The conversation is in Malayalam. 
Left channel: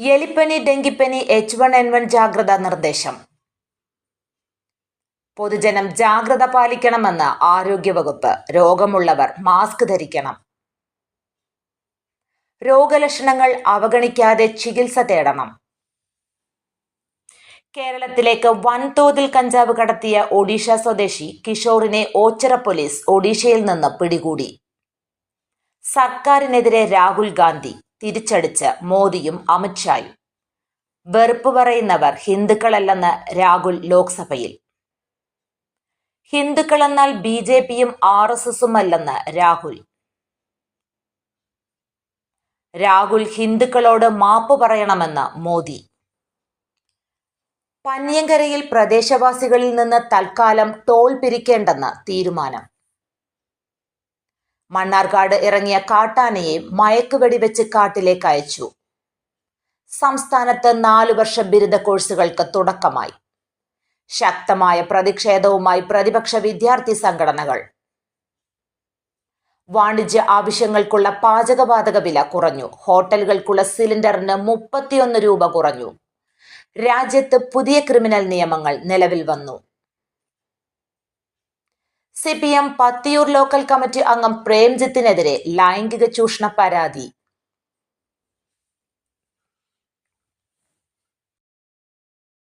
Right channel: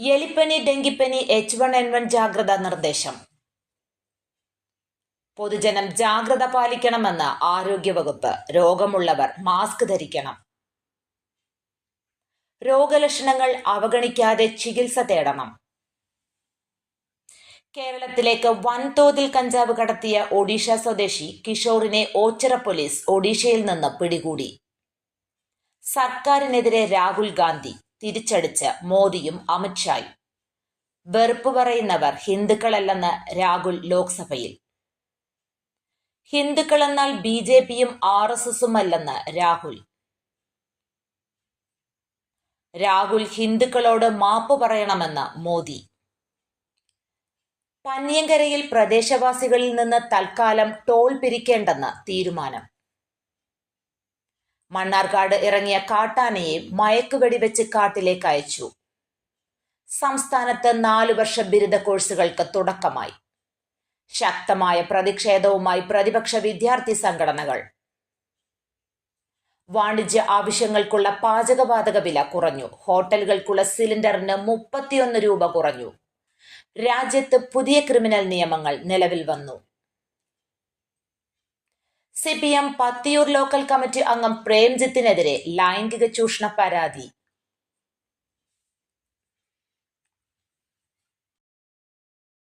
എലിപ്പനി ഡെങ്കിപ്പനി എച്ച് വൺ എൻ വൺ ജാഗ്രതാ നിർദ്ദേശം. പൊതുജനം ജാഗ്രത പാലിക്കണമെന്ന് ആരോഗ്യവകുപ്പ്. രോഗമുള്ളവർ മാസ്ക് ധരിക്കണം. രോഗലക്ഷണങ്ങൾ അവഗണിക്കാതെ ചികിത്സ തേടണം. കേരളത്തിലേക്ക് വൻതോതിൽ കഞ്ചാവ് കടത്തിയ ഒഡീഷ സ്വദേശി കിഷോറിനെ ഓച്ചിറ പോലീസ് ഒഡീഷയിൽ നിന്ന് പിടികൂടി. സർക്കാരിനെതിരെ രാഹുൽ ഗാന്ധി തിരിച്ചടിച്ച് മോദിയും അമിത്ഷായും വെറുപ്പ് പറയുന്നവർ ഹിന്ദുക്കളല്ലെന്ന് രാഹുൽ ലോക്സഭയിൽ. ഹിന്ദുക്കളെന്നാൽ ബി ജെ പിയും ആർ എസ് എസും അല്ലെന്ന് രാഹുൽ. രാഹുൽ ഹിന്ദുക്കളോട് മാപ്പ് പറയണമെന്ന് മോദി. പന്നിയങ്കരയിൽ പ്രദേശവാസികളിൽ നിന്ന് തൽക്കാലം ടോൾ പിരിക്കേണ്ടെന്ന് തീരുമാനം. മണ്ണാർക്കാട് ഇറങ്ങിയ കാട്ടാനയെ മയക്കുവെടിവെച്ച് കാട്ടിലേക്ക് അയച്ചു. സംസ്ഥാനത്ത് നാലു വർഷ ബിരുദ കോഴ്സുകൾക്ക് തുടക്കമായി. ശക്തമായ പ്രതിഷേധവുമായി പ്രതിപക്ഷ വിദ്യാർത്ഥി സംഘടനകൾ. വാണിജ്യ ആവശ്യങ്ങൾക്കുള്ള പാചകവാതക വില കുറഞ്ഞു. ഹോട്ടലുകൾക്കുള്ള സിലിണ്ടറിന് മുപ്പത്തിയൊന്ന് രൂപ കുറഞ്ഞു. രാജ്യത്ത് പുതിയ ക്രിമിനൽ നിയമങ്ങൾ നിലവിൽ വന്നു. C P M Pathiyoor local committee അംഗം പ്രേംജിത്തിനെതിരെ ലൈംഗിക ചൂഷണ പരാതി.